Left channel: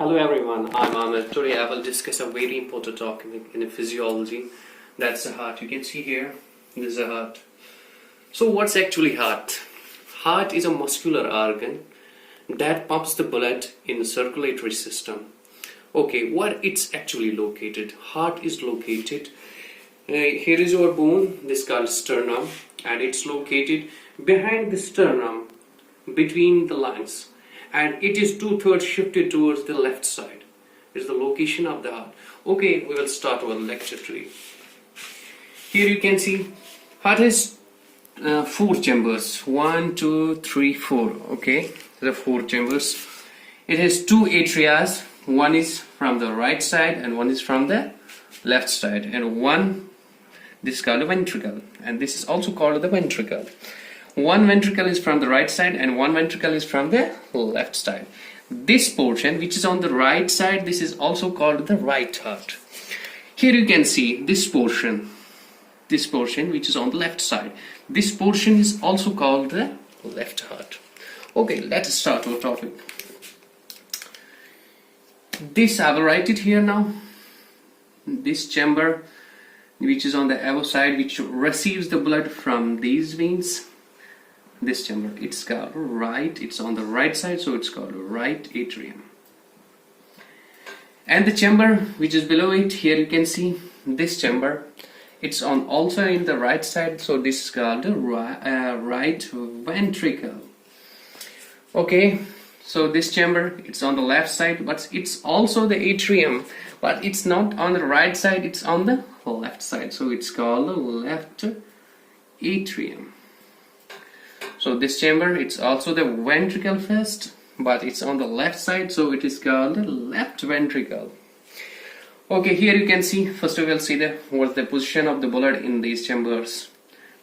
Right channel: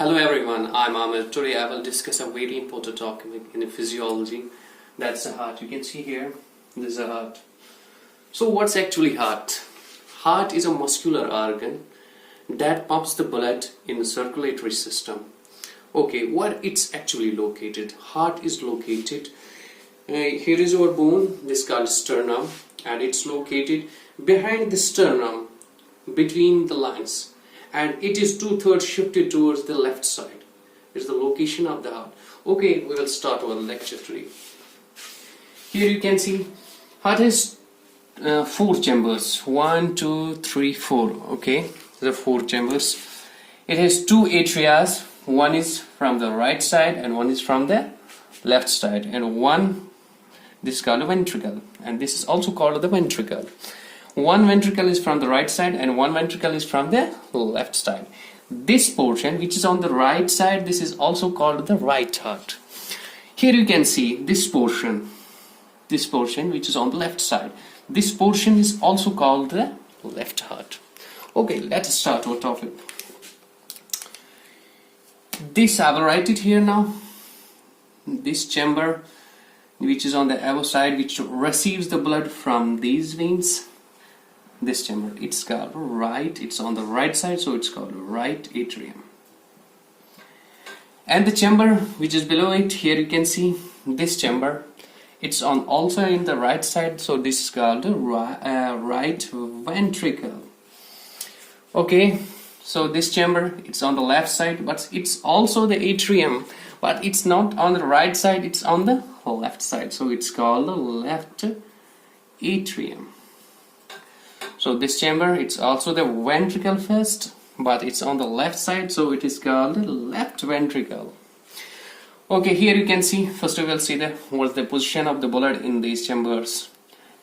Hello everyone, I'm Ahmed. Today I will discuss a very important topic in physiology. That's the heart. You can see here, this is the heart. So what's actually heart? Heart is a muscular organ that pumps the blood in the circulatory system. Okay, where it's actually located? Heart is located, here is our bone, this is called sternum, and it's located behind the sternum, between the lungs. And it is 2/3 shifted towards the left side. Is the location of the heart. Okay, we will start our lecture today. Here you can see heart has 4 chambers. 1, 2, 3, 4. Okay, there are 4 chambers. It has 2 atria. One is from the right side and one is from the left side. And this is called a ventricle. And this is also called the ventricle. One ventricle is from the right side and one ventricle is from the left side. This portion which is on the right side, this is also called the right heart. Here you can see this portion which is on the left side. This portion is also called the left heart. Okay, let's start our topic. This I will write it here now. This chamber which is on the aortic side, which receives the blood from these veins. This chamber, it's called right, it's on the right side, so it's called right atrium. And the chamber which is below it, here you can see this chamber, it's on also in the right side, so this is called right ventricle. Okay, so this chamber, it's on the left side, but it's also the atrium, but it's not on the right side, it's on the left side, so it's called the left atrium. So this chamber, it's also the ventricle first, but it's on the left side, so it is called the left ventricle. Okay, here you can see, first we will see what's the position of the blood in these chambers.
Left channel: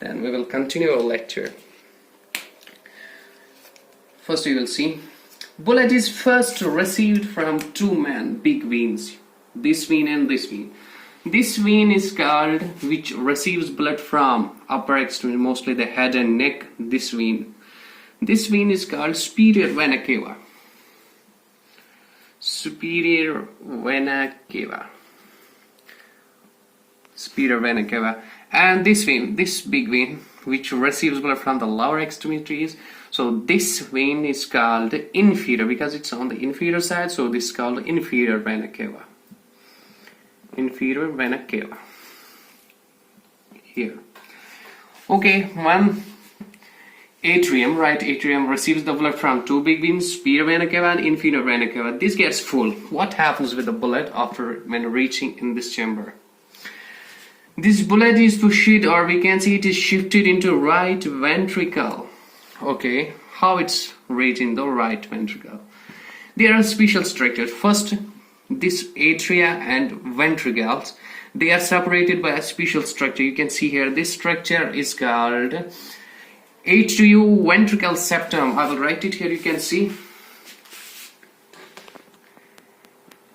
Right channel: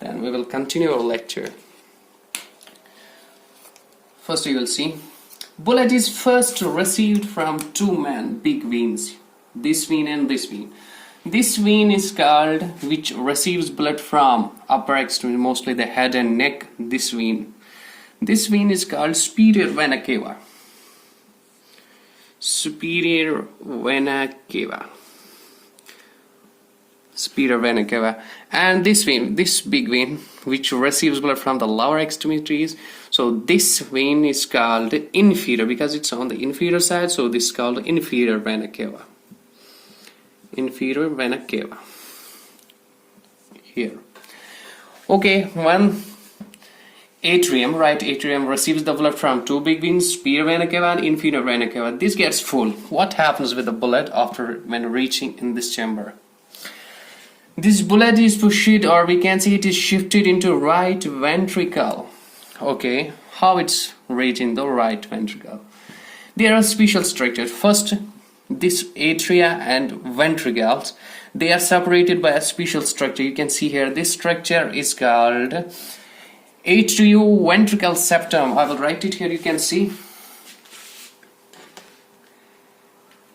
Then we will continue our lecture. First we will see, blood is first received from 2 big veins, this vein and this vein. This vein is called, which receives blood from upper extremity, mostly the head and neck, this vein. This vein is called superior vena cava. Superior vena cava. Superior vena cava. And this vein, this big vein, which receives blood from the lower extremities. So this vein is called inferior because it's on the inferior side, so this is called inferior vena cava. Inferior vena cava here. Okay, one atrium, right atrium, receives the blood from 2 big veins, superior vena cava and inferior vena cava. This gets full. What happens with the blood after when reaching in this chamber? This blood is pushed, or we can say it is shifted into right ventricle. Okay, how it's reaching the right ventricle? There are special structures. First, this atria and ventricles, they are separated by a special structure. You can see here, this structure is called atrioventricular septum. I will write it here, you can see.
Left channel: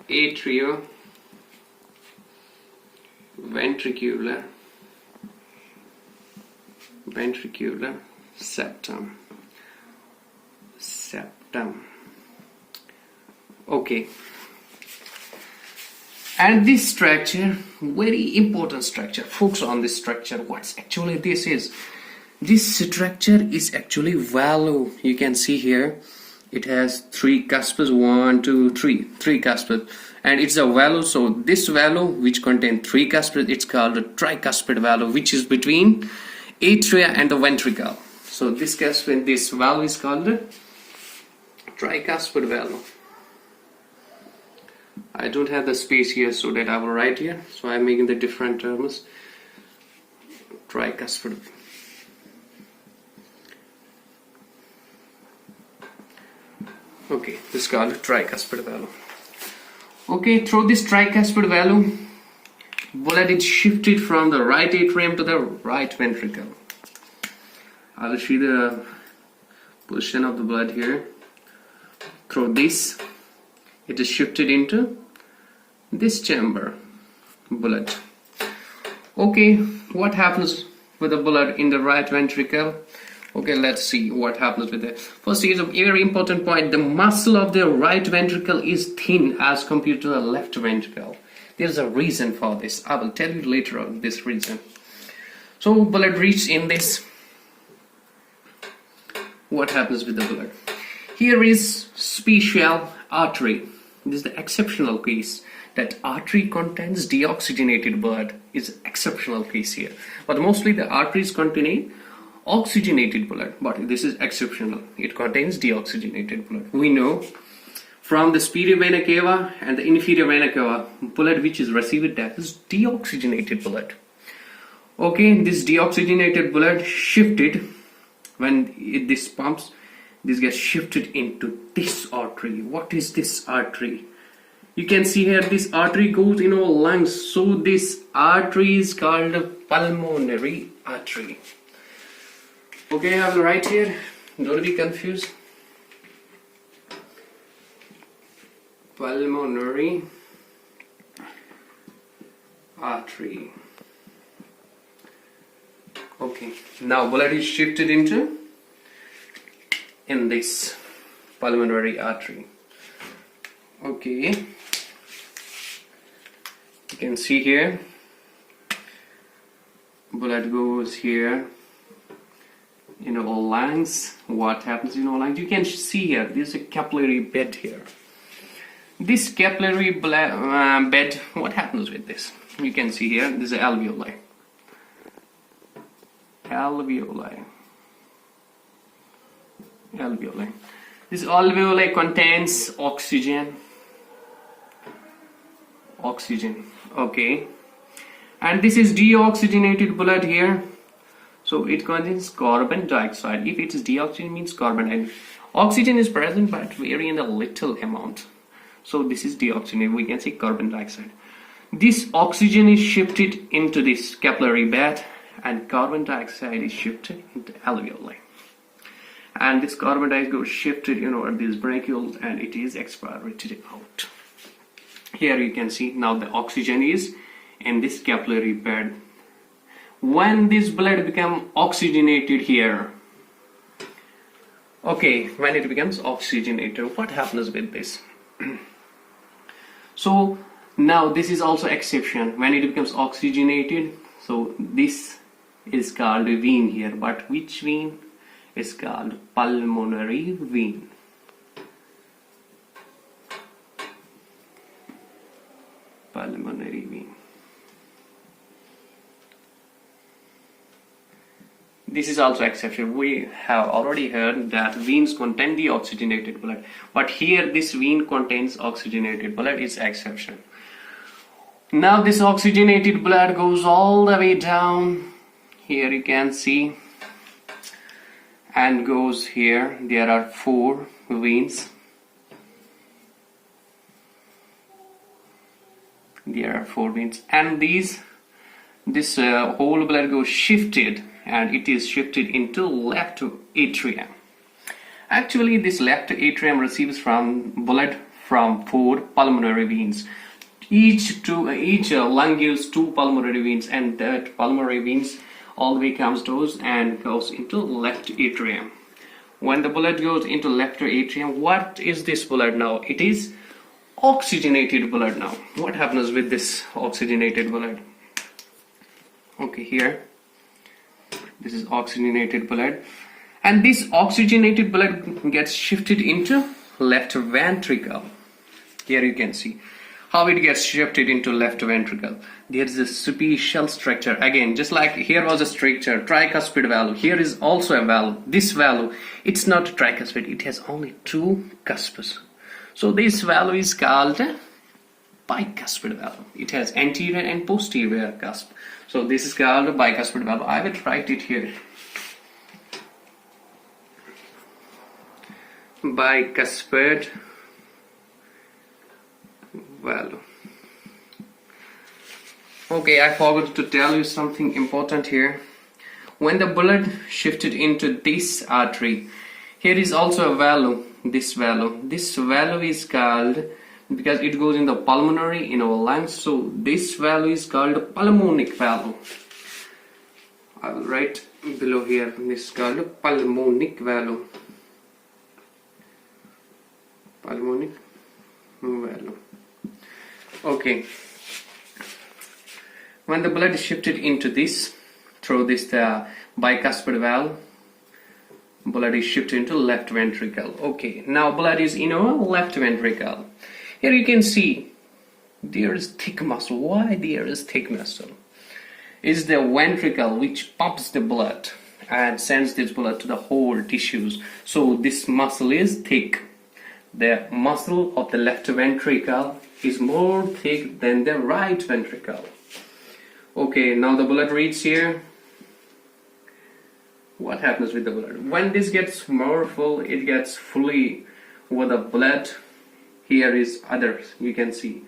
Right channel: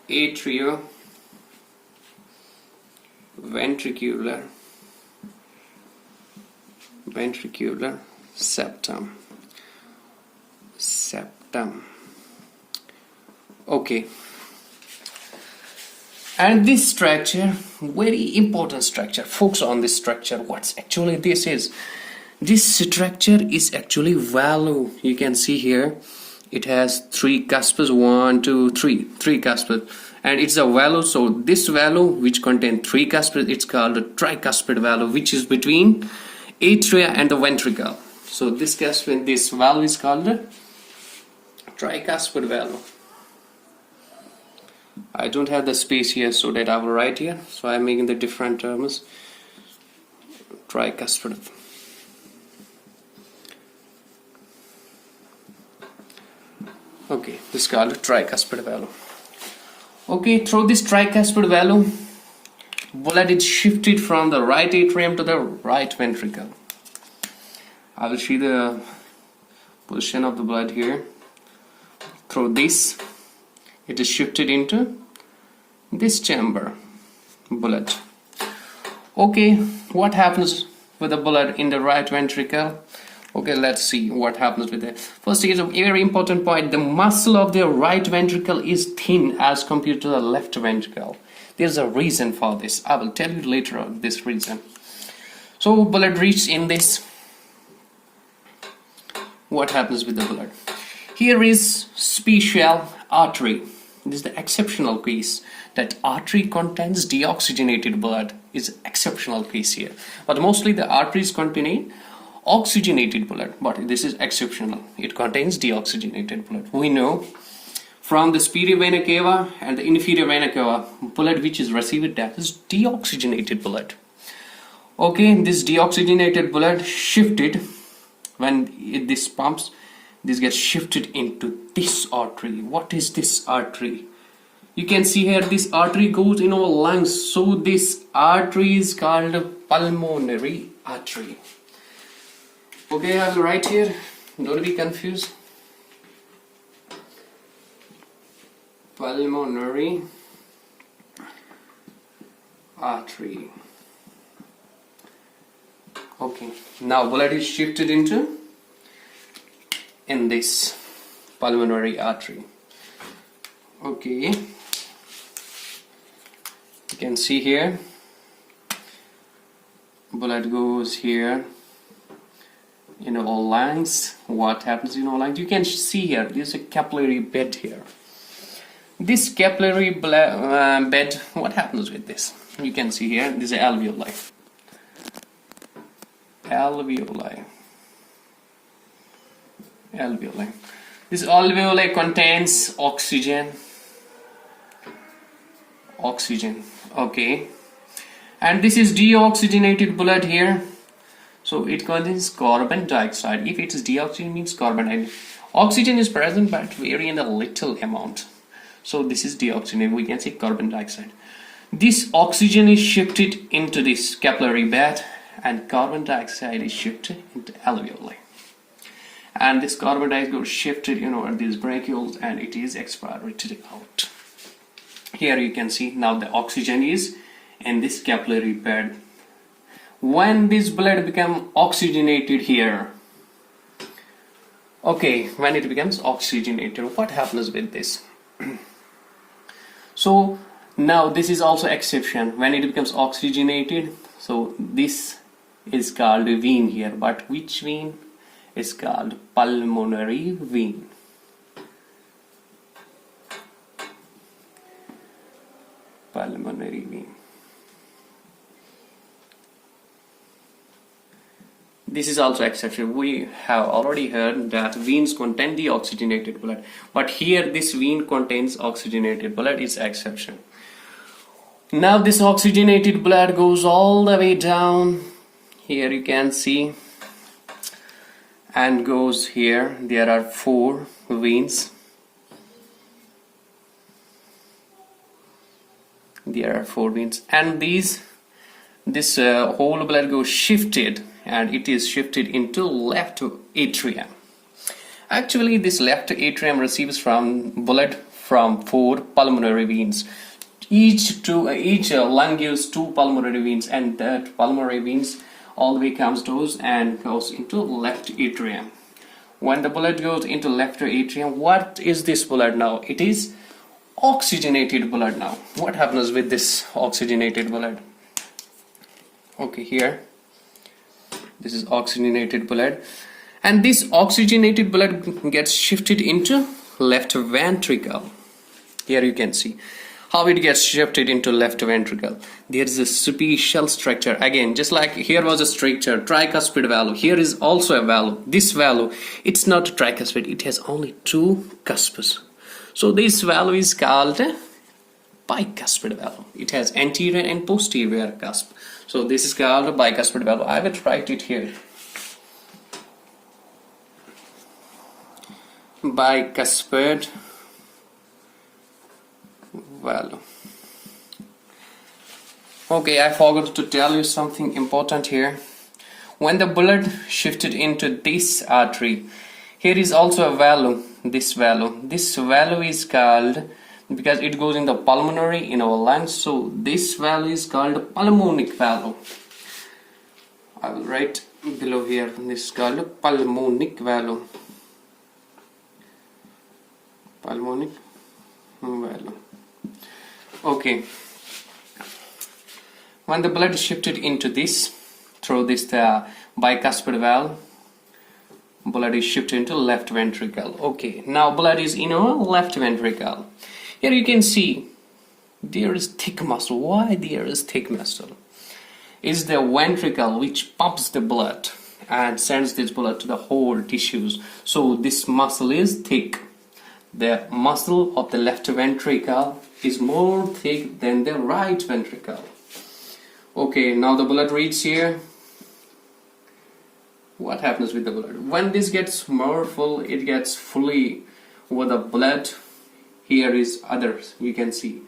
Atrioventricular septum. Okay. And this structure, very important structure, focus on this structure. What's actually this is? This structure is actually valve. You can see here, it has 3 cuspids, 1, 2, 3 cuspids, and it's a valve. So this valve, which contains 3 cuspids, it's called a tricuspid valve, which is between atria and the ventricle. So this valve is called a tricuspid valve. I don't have the space here, so that I will write here, so I'm making the different terms. Tricuspid. Okay, this is called tricuspid valve. Okay, through this tricuspid valve, blood is shifted from the right atrium to the right ventricle. I will see the position of the blood here. Through this, it is shifted into this chamber, blood. Okay, what happens with the blood in the right ventricle? Okay, let's see what happens with it. First is a very important point. The muscle of the right ventricle is thin as compared to the left ventricle. There's a reason for this. I will tell you later on this reason. So blood reaches in this. What happens with the blood? Here is special artery. This is the exceptional case. That artery contains deoxygenated blood is exceptional case here. But mostly the arteries contain oxygenated blood, but this is exceptional. It contains deoxygenated blood. We know from the superior vena cava and the inferior vena cava, blood which is received, that is deoxygenated blood. Okay, this deoxygenated blood shifted when this pumps, this gets shifted into this artery. What is this artery? You can see here this artery goes in our lungs, so this artery is called pulmonary artery. Okay, I will write here, don't be confused. Pulmonary artery. Okay, now blood is shifted into in this pulmonary artery. Okay, you can see here blood goes here in our lungs. What happens in our lungs? You can see here there's a capillary bed here. This capillary bed, what happens with this? You can see here this is alveoli. Alveoli. This alveoli contains oxygen. Okay, and this is deoxygenated blood here, so it contains carbon dioxide. If it is deoxygen, means carbon dioxide. Oxygen is present but very in a little amount, so this is deoxygenated. We can say carbon dioxide. This oxygen is shifted into this capillary bed and carbon dioxide is shifted into alveoli, and this carbon dioxide goes shifted these bronchioles and it is expirated out. Here you can see now the oxygen is in this capillary bed. When this blood becomes oxygenated here, okay, when it becomes oxygenated, what happens with this? So now this is also exception. When it becomes oxygenated, so this is called a vein here, but which vein is called pulmonary vein? Pulmonary vein. This is also exception. We have already heard that veins contain the oxygenated blood, but here this vein contains oxygenated blood is exception. Now this oxygenated blood goes all the way down. Here you can see, and goes here. There are 4 veins. There are 4 veins, and this whole blood goes shifted, and it is shifted into left atrium. Actually, this left atrium receives from blood from 4 pulmonary veins. Each lung gives 2 pulmonary veins, and that pulmonary veins all the way comes to and goes into left atrium. When the blood goes into left atrium, what is this blood now? It is oxygenated blood now. What happens with this oxygenated blood? Okay, here this is oxygenated blood, and this oxygenated blood gets shifted into left ventricle. Here you can see how it gets shifted into left ventricle. There is a special structure. Again, just like here was a structure, tricuspid valve, here is also a valve. This valve, it's not tricuspid, it has only 2 cusps. So this valve is called a bicuspid valve. It has anterior and posterior cusp. So this is called a bicuspid valve. I will write it here. Bicuspid valve. Okay, I forgot to tell you something important here. When the blood shifted into this artery, here is also a valve. This valve is called, because it goes in the pulmonary in our lungs, so this valve is called pulmonic valve. I will write below here. This is called pulmonic valve. Pulmonic valve. Okay. When the blood is shifted into this, through this the bicuspid valve, blood is shifted into left ventricle. Okay, now blood is in our left ventricle. Here you can see there is thick muscle. Why there is thick muscle? Is the ventricle which pumps the blood and sends this blood to the whole tissues. So this muscle is thick. The muscle of the left ventricle is more thick than the right ventricle. Okay, now the blood reaches here. What happens with the blood? When this gets more full, it gets fully with the blood. Here is others, you can see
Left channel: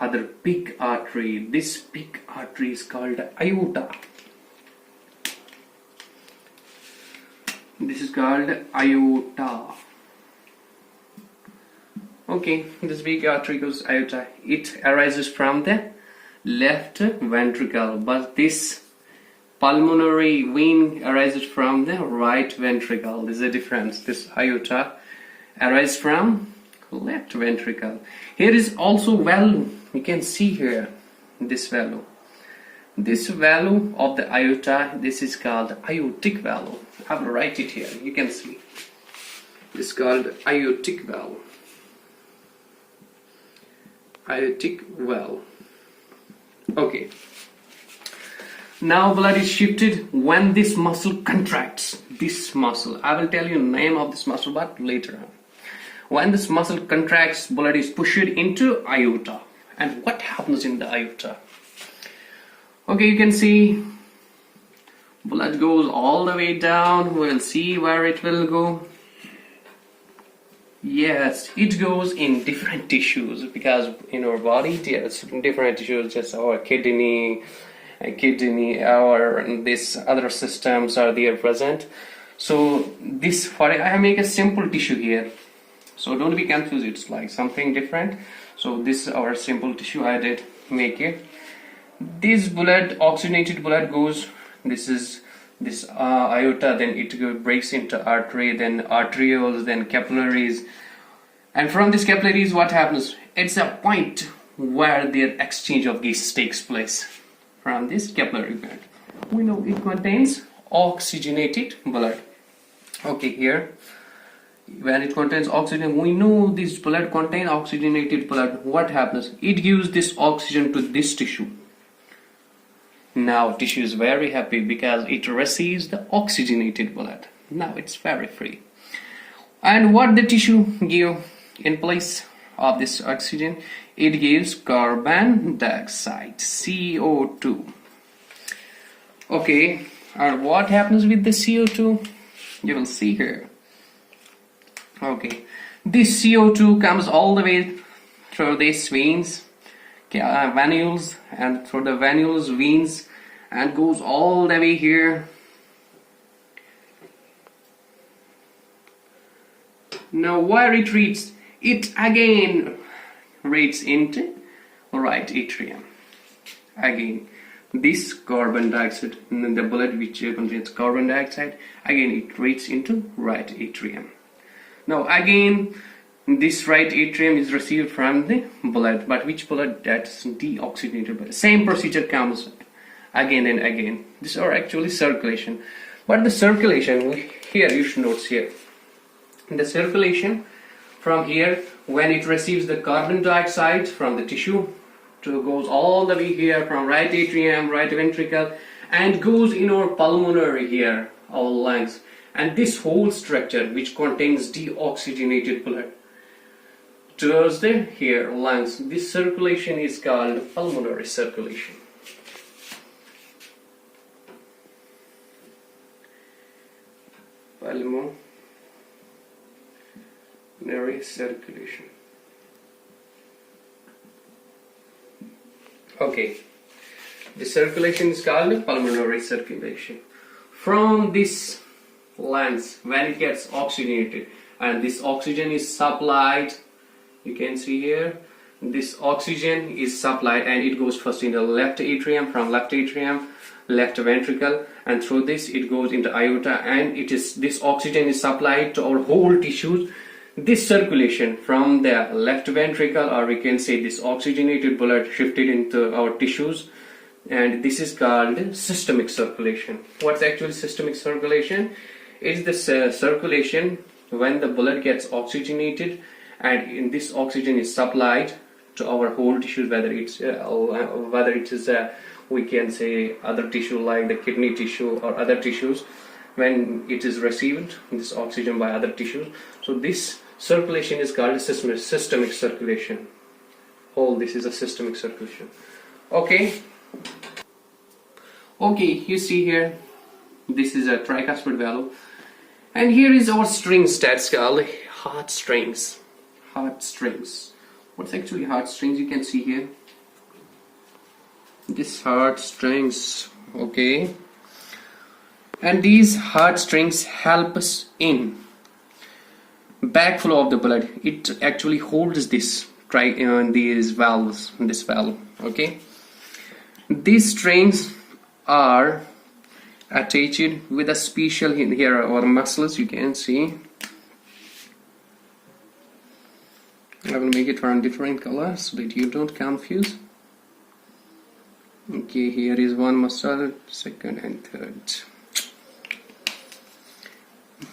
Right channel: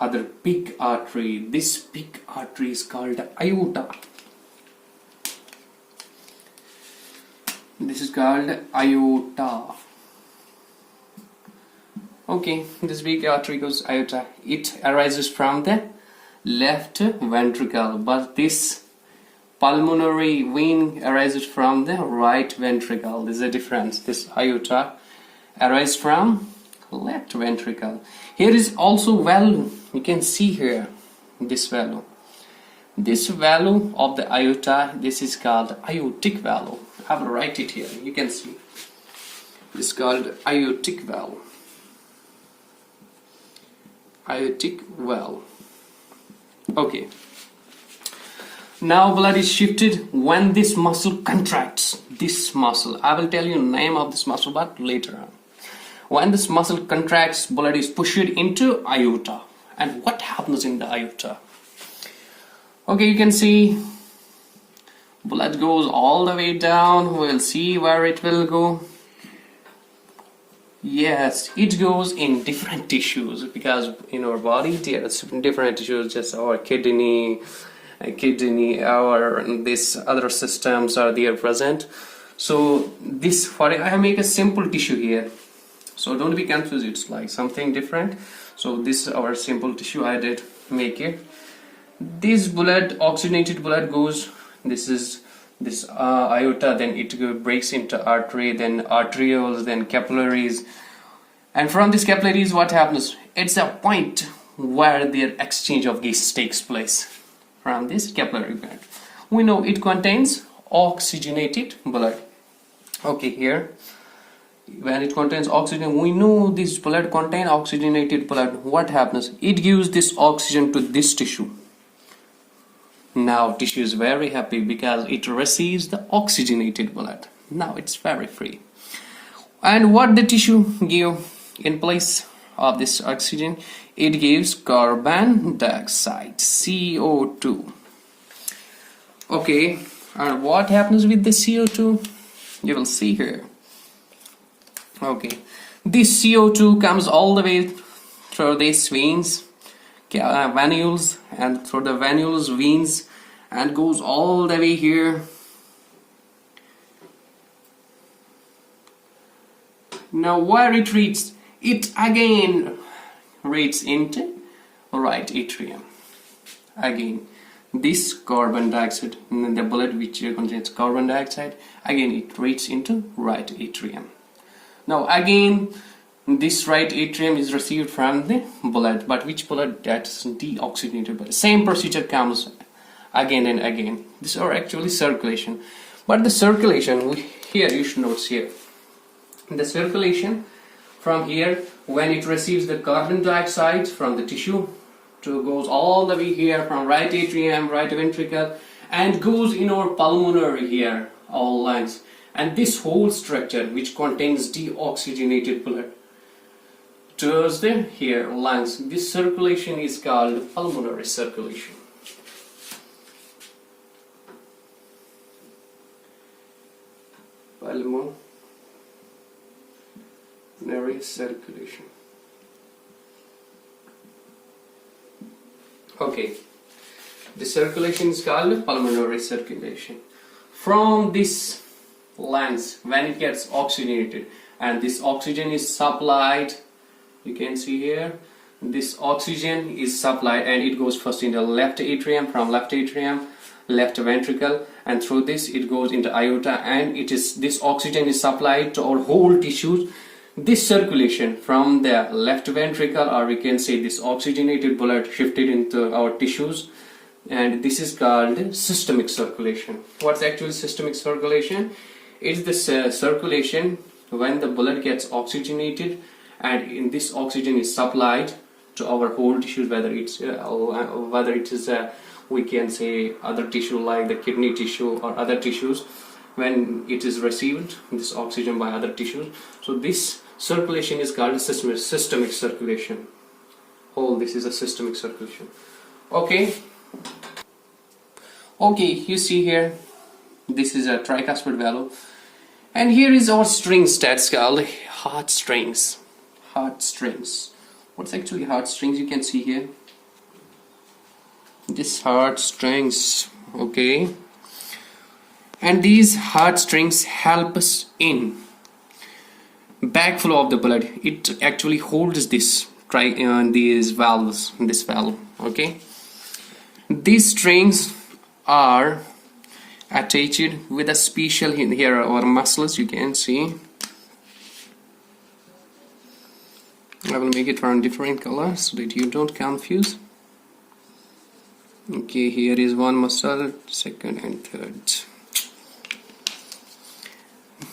other big artery. This big artery is called aorta. This is called aorta. Okay, this big artery goes aorta. It arises from the left ventricle, but this pulmonary vein arises from the right ventricle. There's a difference. This aorta arises from left ventricle. Here is also valve. You can see here this valve. This valve of the aorta, this is called aortic valve. I will write it here. You can see. This is called aortic valve. Aortic valve. Okay. Now blood is shifted when this muscle contracts. This muscle. I will tell you the name of this muscle but later on. When this muscle contracts, blood is pushed into aorta. And what happens in the aorta? Okay, you can see blood goes all the way down. We'll see where it will go. Yes, it goes in different tissues because in our body there's different tissues, just our kidney, our this other systems are there present. So this, for I make a simple tissue here. So don't be confused, it's like something different. So this is our simple tissue I did make it. This blood, oxygenated blood goes, this is this aorta, then it breaks into artery, then arterioles, then capillaries. And from these capillaries what happens? It's a point where their exchange of gases takes place. From this capillary bed, we know it contains oxygenated blood. Okay, here when it contains oxygen, we know this blood contains oxygenated blood. What happens? It gives this oxygen to this tissue. Now tissue is very happy because it receives the oxygenated blood. Now it's very free. And what the tissue give in place of this oxygen? It gives carbon dioxide, CO2. Okay, and what happens with the CO2? You will see here. Okay, this CO2 comes all the way through these veins, venules, and through the venules, veins, and goes all the way here. Now where it reaches, it again reaches into right atrium. Again, this carbon dioxide, the blood which contains carbon dioxide, again it reaches into right atrium. Now again, this right atrium is received from the blood, but which blood? That's deoxygenated blood. Same procedure comes again and again. These are actually circulation, but the circulation here you should notice here. The circulation from here, when it receives the carbon dioxide from the tissue, goes all the way here from right atrium, right ventricle, and goes in our pulmonary here, all lungs. And this whole structure which contains deoxygenated blood towards the here lungs. This circulation is called pulmonary circulation. Pulmonary circulation. Okay, the circulation is called pulmonary circulation. From this lungs, when it gets oxygenated and this oxygen is supplied, you can see here, this oxygen is supplied and it goes first in the left atrium. From left atrium left ventricle, and through this it goes into aorta, and this oxygen is supplied to our whole tissues. This circulation from the left ventricle, or we can say this oxygenated blood, shifted into our tissues, and this is called systemic circulation. What's actually systemic circulation? It's the circulation when the blood gets oxygenated, and in this oxygen is supplied to our whole tissues, whether it is we can say other tissue like the kidney tissue or other tissues. When it is received this oxygen by other tissues, so this circulation is called systemic circulation. This is a systemic circulation. Okay, you see here, this is a tricuspid valve, and here is our strings that's called heart strings. What's actually heart strings? You can see here this heart strings. Okay, and these heart strings help us in backflow of the blood. It actually holds this these valves, this valve. Okay, these strings are attached with a special, here are our muscles, you can see. I will make it on different colors so that you don't confuse. Okay, here is one muscle, second and third.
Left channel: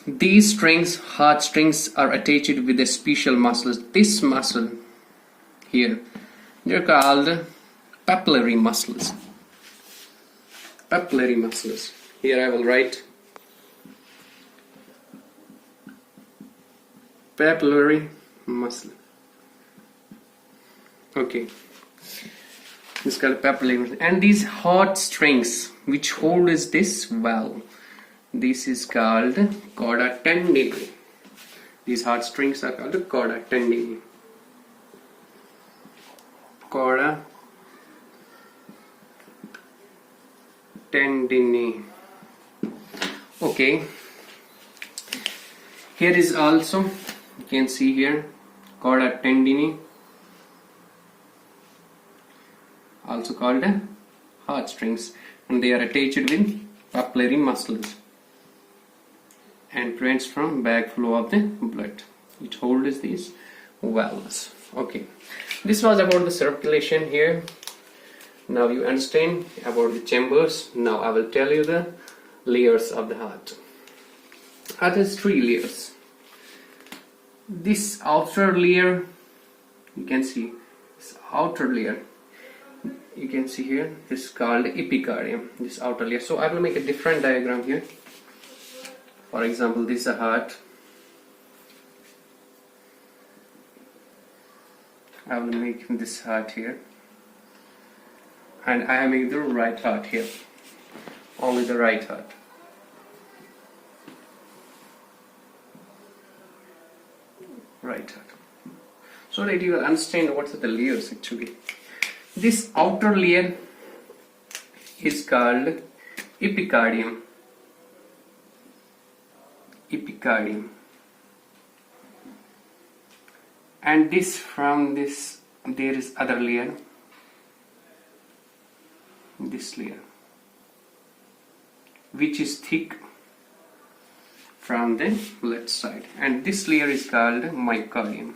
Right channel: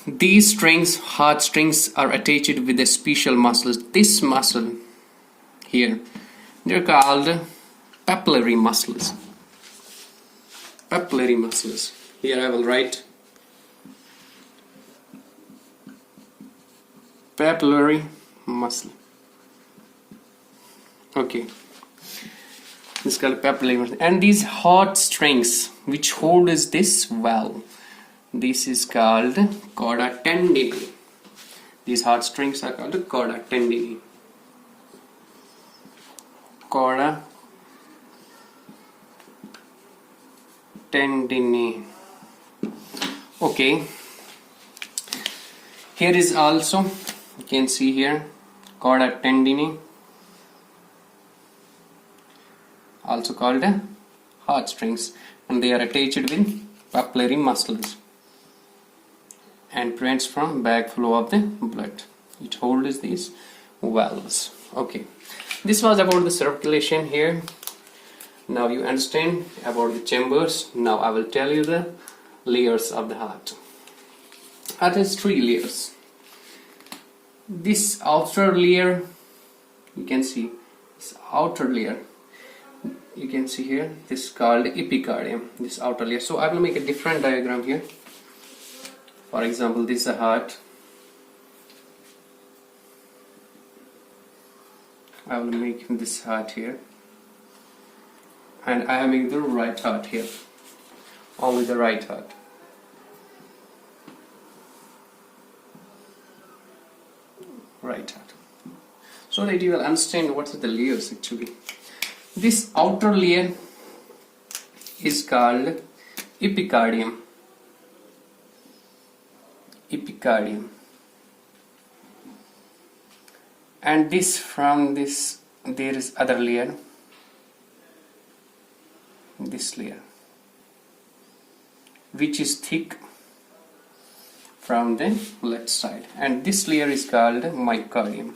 These strings, heart strings, are attached with the special muscles. This muscle here, they're called papillary muscles. Here I will write papillary muscle. Okay, this is called papillary muscle. And these heart strings which hold is this valve, this is called chorda tendineae. These heart strings are called chorda tendineae. Chorda tendineae. Okay, here is also, you can see here, chorda tendineae, also called heart strings, and they are attached with papillary muscles and prevents from backflow of the blood. It holds these valves. Okay, this was about the circulation here. Now you understand about the chambers. Now I will tell you the layers of the heart. Heart has 3 layers. This outer layer, you can see this outer layer, you can see here, this is called epicardium, this outer layer. So I will make a different diagram here. For example, this is a heart. I will make this heart here, and I am making the right heart here, only the right heart. Right heart, so that you will understand what are the layers actually. This outer layer is called epicardium. And this, from this there is other layer, this layer, which is thick from the left side, and this layer is called myocardium.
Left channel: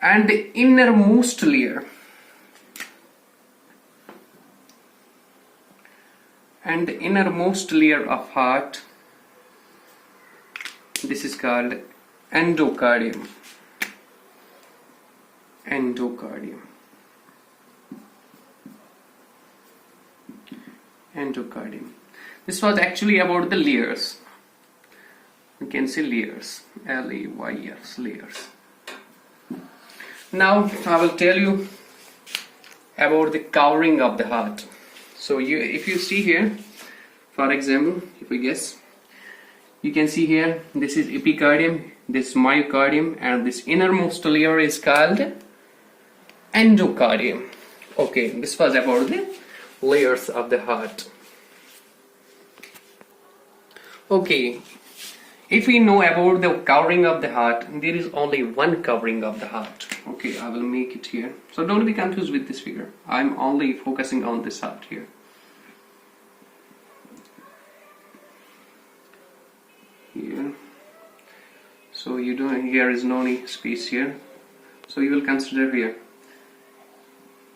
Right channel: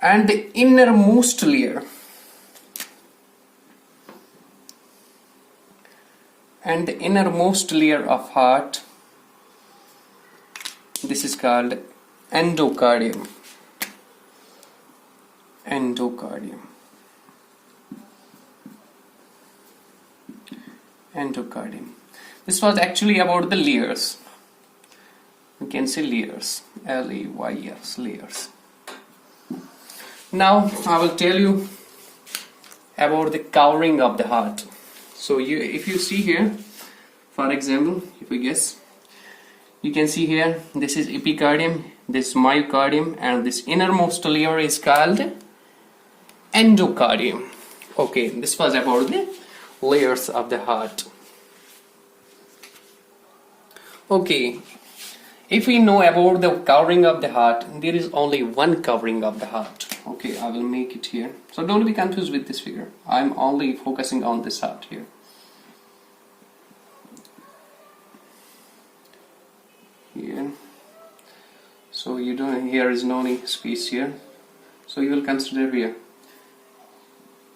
And the innermost layer, of heart, this is called endocardium. This was actually about the layers. You can see layers, L-A-Y-S, layers. Now I will tell you about the covering of the heart. So if you see here, for example, if you guess, you can see here, this is epicardium, this myocardium, and this innermost layer is called endocardium. Okay, this was about the layers of the heart. Okay, If we know about the covering of the heart, there is only one covering of the heart. Okay, I will make it here. So don't be confused with this figure. I'm only focusing on this heart here. Here. So you don't, here is no any space here. So you will consider here.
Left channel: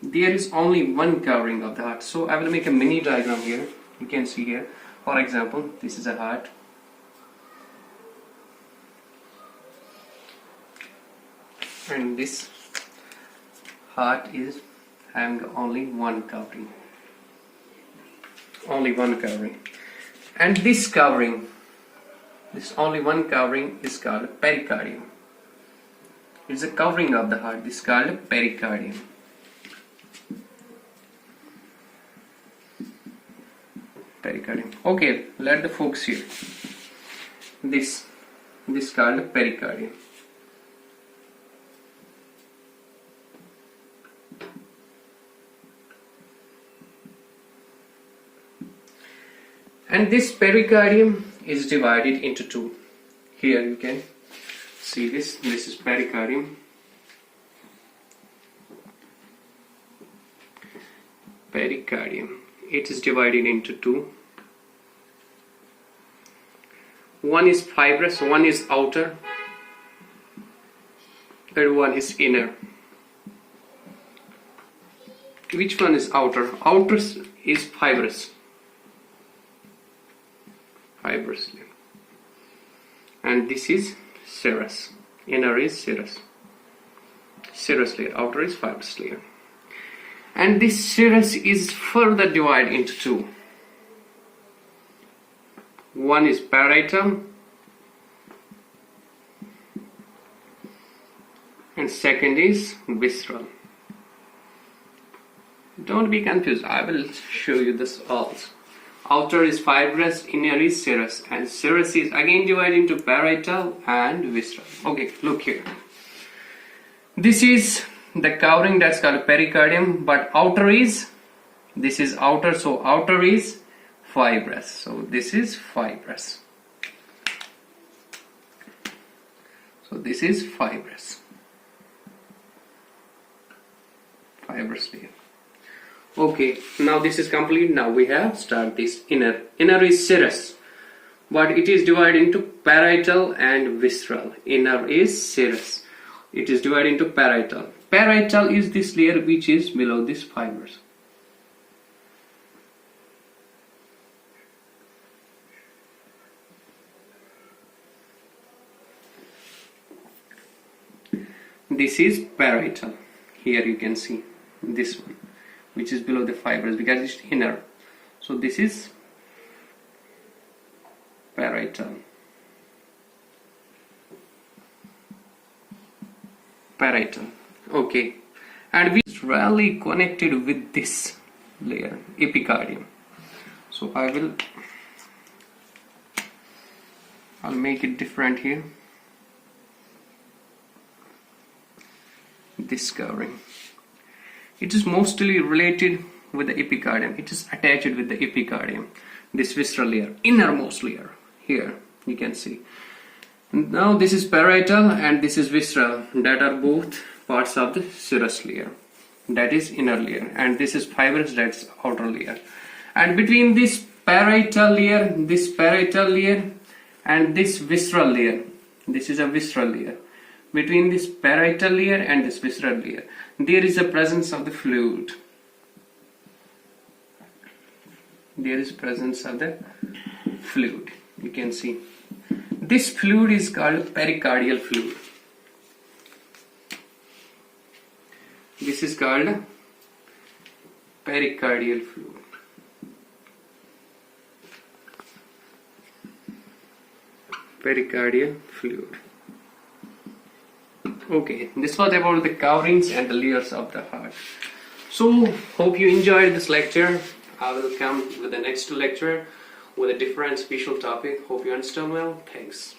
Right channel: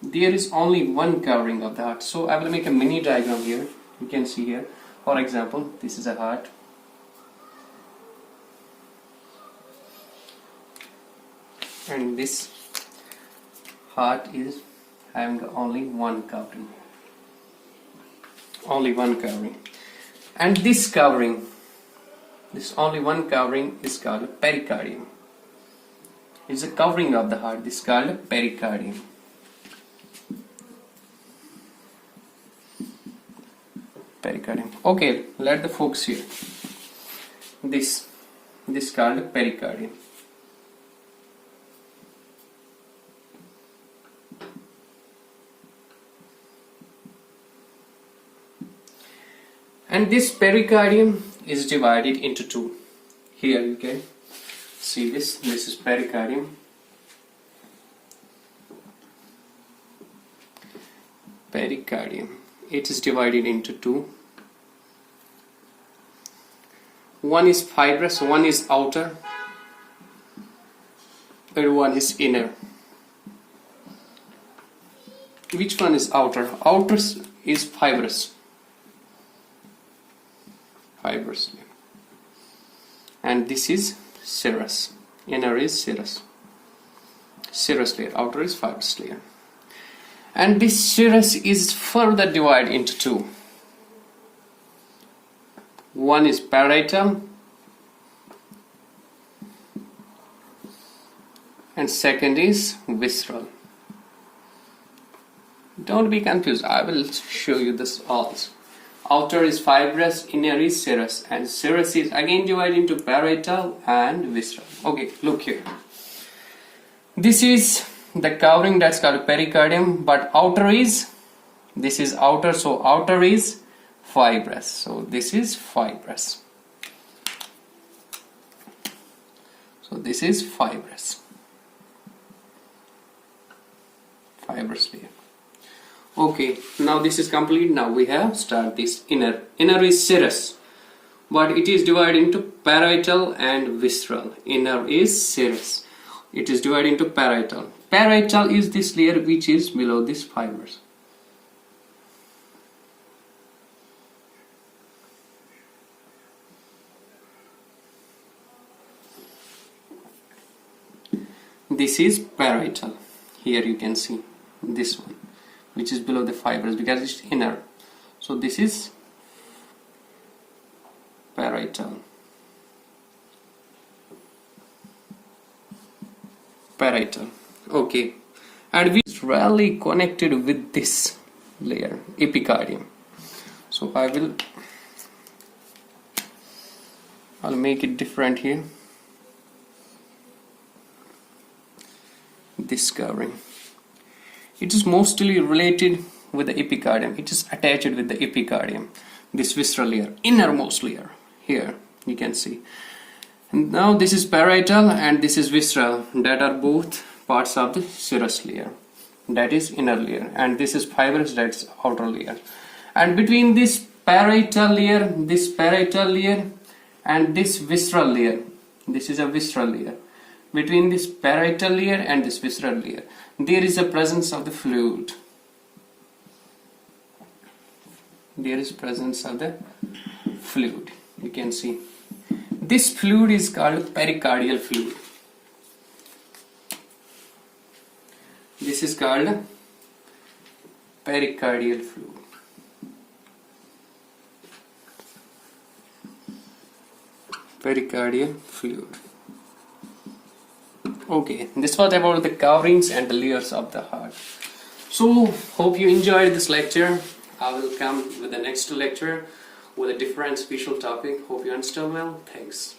There is only one covering of the heart. So I will make a mini diagram here. You can see here. For example, this is a heart. And this heart is having only one covering. Only one covering. And this covering, this only one covering is called pericardium. It's a covering of the heart. This is called pericardium. Pericardium. Okay, let the focus here. This called pericardium. And this pericardium is divided into two. Here you can see this. This is pericardium. Pericardium. It is divided into two. One is fibrous, one is outer, and one is inner. Which one is outer? Outer is fibrous. Fibrous layer. And this is serous. Inner is serous. Serous layer. Outer is fibrous layer. And this serous is further divided into two. One is parietal and second is visceral. Don't be confused. I will show you this also. Outer is fibrous, inner is serous, and serous is again divided into parietal and visceral. Okay, look here. This is the covering that's called pericardium, but outer is, this is outer, so outer is fibrous. So this is fibrous. So this is fibrous. Fibrous layer. Okay, now this is complete. Now we have start this inner. Inner is serous, but it is divided into parietal and visceral. Inner is serous. It is divided into parietal. Parietal is this layer which is below this fibers. This is parietal. Here you can see this one, which is below the fibers because it's inner. So this is parietal. Parietal. Okay. And we is rarely connected with this layer, epicardium. So I'll make it different here. This covering. It is mostly related with the epicardium. It is attached with the epicardium. This visceral layer, innermost layer. Here you can see. And now this is parietal and this is visceral. That are both parts of the serous layer. That is inner layer. And this is fibrous, that's outer layer. And between this parietal layer and this visceral layer, this is a visceral layer. Between this parietal layer and this visceral layer, there is a presence of the fluid. There is presence of the fluid. You can see. This fluid is called pericardial fluid. This is called pericardial fluid. Pericardial fluid. Okay, this was about the coverings and the layers of the heart. So, hope you enjoyed this lecture. I will come with the next lecture with a different special topic. Hope you understand well. Thanks.